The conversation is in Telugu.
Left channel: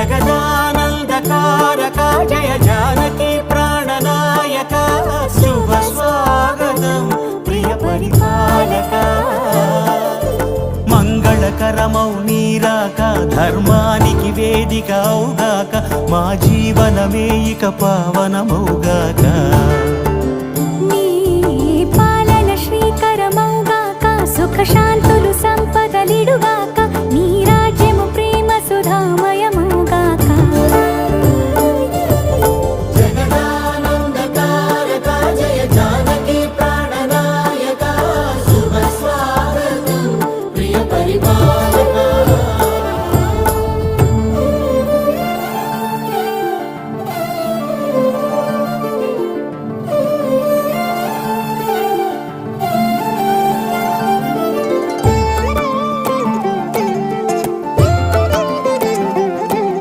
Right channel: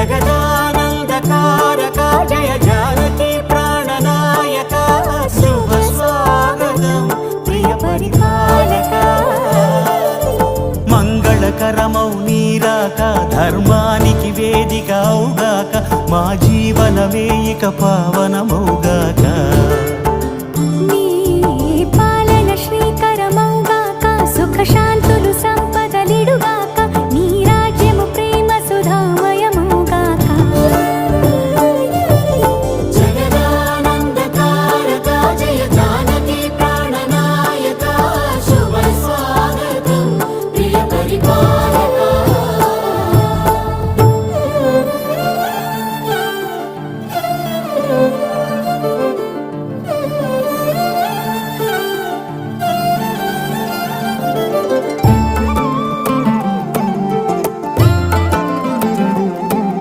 జగదానందకారక జయ జానకి ప్రాణనాయక శుభ స్వాగతం ప్రియ పరిపాలక మంగళకరమౌ నీరాక ధర్మానికి వేదిక అవుగాక మా జీవనమే ఇక పావనమౌగాక నీ పాలన శ్రీకరమౌగాక సుఖ శాంతులు సంపదలిడుగా